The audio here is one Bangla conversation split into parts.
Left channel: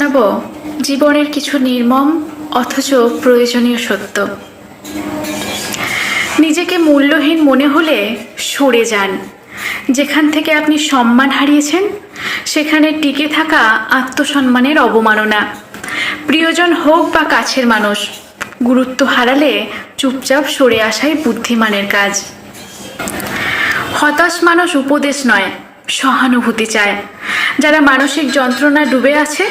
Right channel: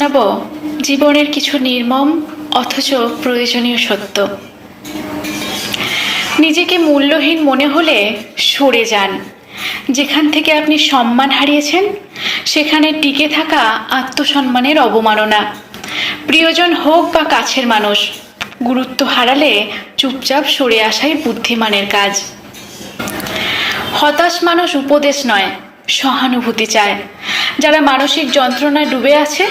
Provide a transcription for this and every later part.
জানাব জীবনের কিছু নির্মম অথচ প্রয়োজনীয় সত্য। নিজেকে মূল্যহীন মনে হলে সরে যান। যেখান থেকে আপনি সম্মান হারিয়েছেন সেখানে টিকে থাকা আত্মসম্মানের অবমাননা। প্রিয়জন হোক বা কাছের মানুষ, গুরুত্ব হারালে চুপচাপ সরে আসাই বুদ্ধিমানের কাজ। হতাশ মানুষ উপদেশ নয়, সহানুভূতি চায়। যারা মানসিক যন্ত্রণায় ডুবে আছে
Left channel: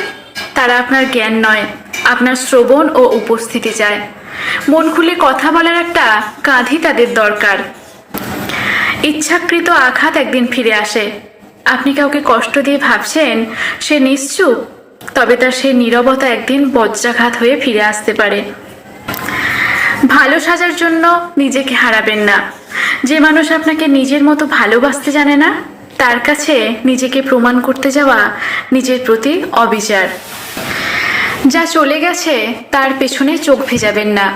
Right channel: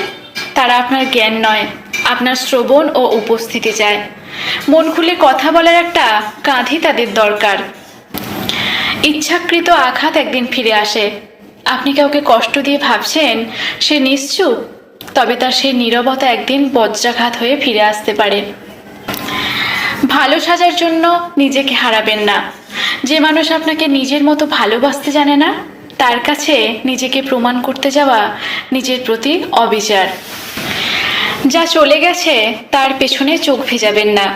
তারা আপনার জ্ঞান নয়, আপনার শ্রবণ ও উপস্থিতি চায়। মন খুলে কথা বলার একটা কাঁধই তাদের দরকার। ইচ্ছাকৃত আঘাত একদিন ফিরে আসে। আপনি কাউকে কষ্ট দিয়ে ভাবছেন সে নিশ্চুপ, তবে তার সেই নীরবতা একদিন বজ্রাঘাত হয়ে ফিরে আসতে পারে। ভালো সাজার জন্য নিজেকে হারাবেন না। যে মানুষ আপনাকে নিজের মতো ভালোবাসতে জানে না তার কাছে নিজেকে প্রমাণ করতে যাওয়া নিজের প্রতি অবিচার। যা চলে গেছে তার পেছনে চোখ ভেজাবেন না।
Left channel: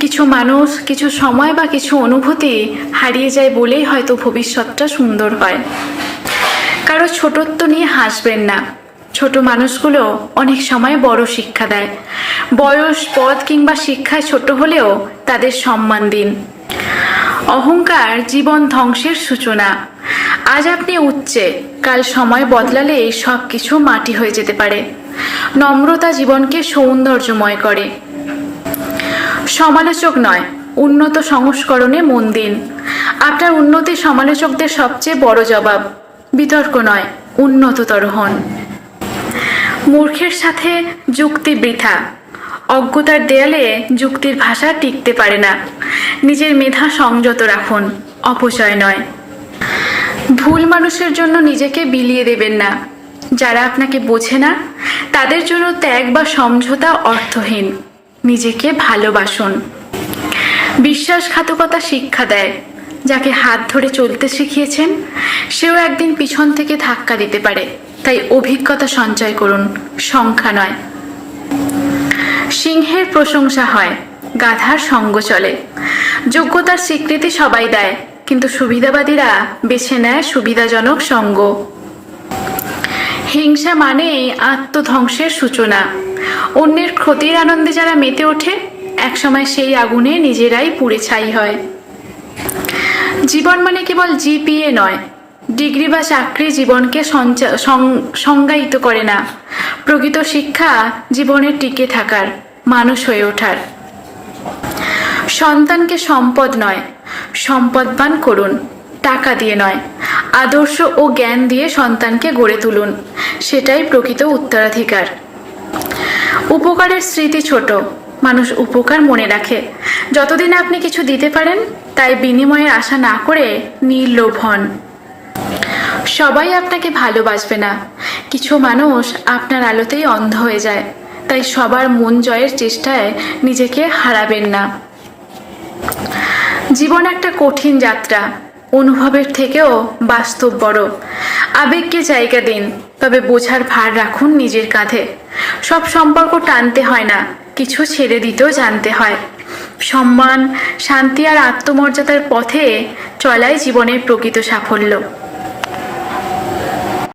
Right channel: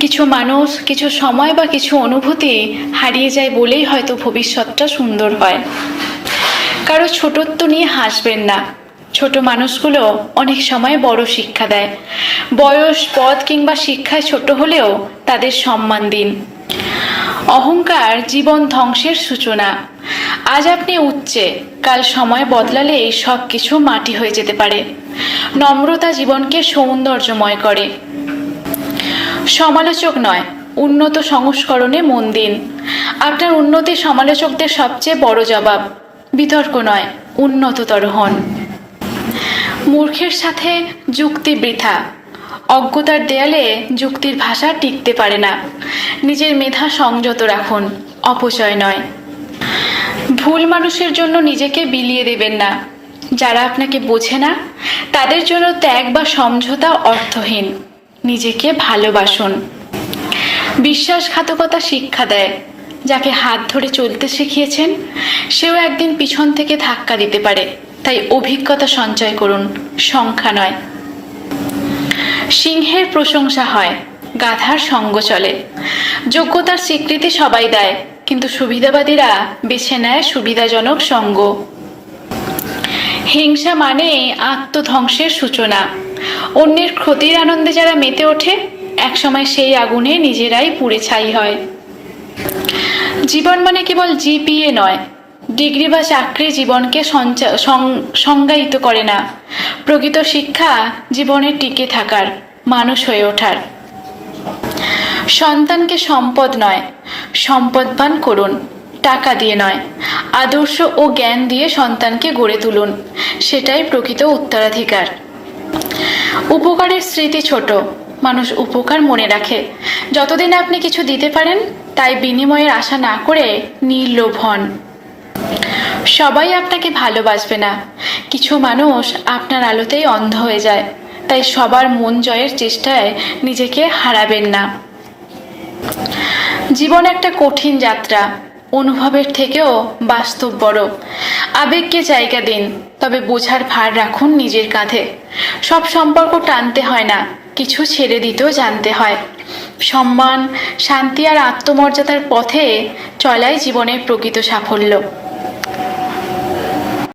কিছু মানুষ, কিছু সময় বা কিছু অনুভূতি হারিয়ে যায় বলেই হয়তো ভবিষ্যৎটা সুন্দর হয়। কারো ছোটত্ব নিয়ে হাসবেন না। ছোট মানুষগুলো অনেক সময় বড় শিক্ষা দেয়। বয়স, পদ কিংবা শিক্ষায় ছোট হলেও তাদের সম্মান দিন। অহংকার জীবন ধ্বংসের সূচনা। আজ আপনি উচ্চে, কাল সময় বদলালে সব কিছু মাটি হয়ে যেতে পারে। নম্রতা জীবনকে সৌন্দর্যময় করে। সমালোচক নয়, উন্নত সংস্করণে মন দিন। আপনার উন্নতি সমালোচকদের সবচেয়ে বড় জবাব। বিতর্ক নয়, উন্নততর হন। মূর্খের সাথে যুক্তি বৃথা। অজ্ঞতার দেয়ালে যুক্তির ভাষা টিকতে পারে না। নিজের মেধা সংযত রাখুন, অপচয় নয়। ভুল মানুষের জন্য নিজেকে বিলিয়ে দেবেন না। যারা আপনাকে বোঝে না তাদের জন্য ত্যাগ বা সমঝোতা অর্থহীন। নিজেকে ভালোবাসুন। বিশ্বাসঘাতকতা শিক্ষা দেয়। যাকে হাত ধরে চলতে শিখিয়েছেন সেও একদিন পিছন থেকে ধাক্কা দিতে পারে। তাই অভিজ্ঞতা সঞ্চয় করুন, সংখ্যা নয়। সিংহের প্রশংসা হয়, গাধার সঙ্গ চলে। যোগ্যতার স্বীকৃতি সবাই দেয়, কিন্তু সুবিধাবাদীরা বেছে নেয় সুবিধাজনক সঙ্গ। হিংসা মানেই আত্মধ্বংসের সূচনা। অন্যের ক্ষতির আনন্দে যারা মেতে ওঠে একসময় সেই আগুনে নিজেরাই পুড়ে ছাই হয়। জীবন মানে কেবল জিপিএ নয়। ডিগ্রি বা চাকরি জীবনকে সংজ্ঞায়িত করে না। প্রকৃত শিক্ষা জীবনে টিকে থাকার, মানুষ হয়ে ওঠার। সন্তানকে সম্পদ নয়, সম্পদবান করুন। টাকা দিয়ে নয়, আদর্শ ও জ্ঞান দিয়ে সন্তানকে গড়ে তুলুন। সেটাই প্রকৃত উত্তরাধিকার। উপকারের স্মৃতি ছোট, মানুষ উপকার মনে রাখে। যতদিন আপনি কিছু দিতে পারেন তাই বিনিময়ের আশা না করে নির্লোভ হন। সবাই আপনাকে ভালোবাসবে না। কিছু মানুষ আপনার আলোতেই অন্ধ হয়ে যায়। তাই সবার মন জয়ের চেষ্টায় নিজেকে হারাবেন না। জীবন একটা কঠিন যাত্রা। অনুভবের থেকেও বাস্তব বড়। আবেগকে জায়গা দিন, তবে বোঝার ভার রাখুন নিজের কাঁধে। সব সম্পর্ক টানতে হয় না, কিছু ছেড়ে দিতেও জানতে হয়। সম্মান, শান্তি আর আত্মমর্যাদার পথে চলাই জীবনের প্রকৃত সাফল্য।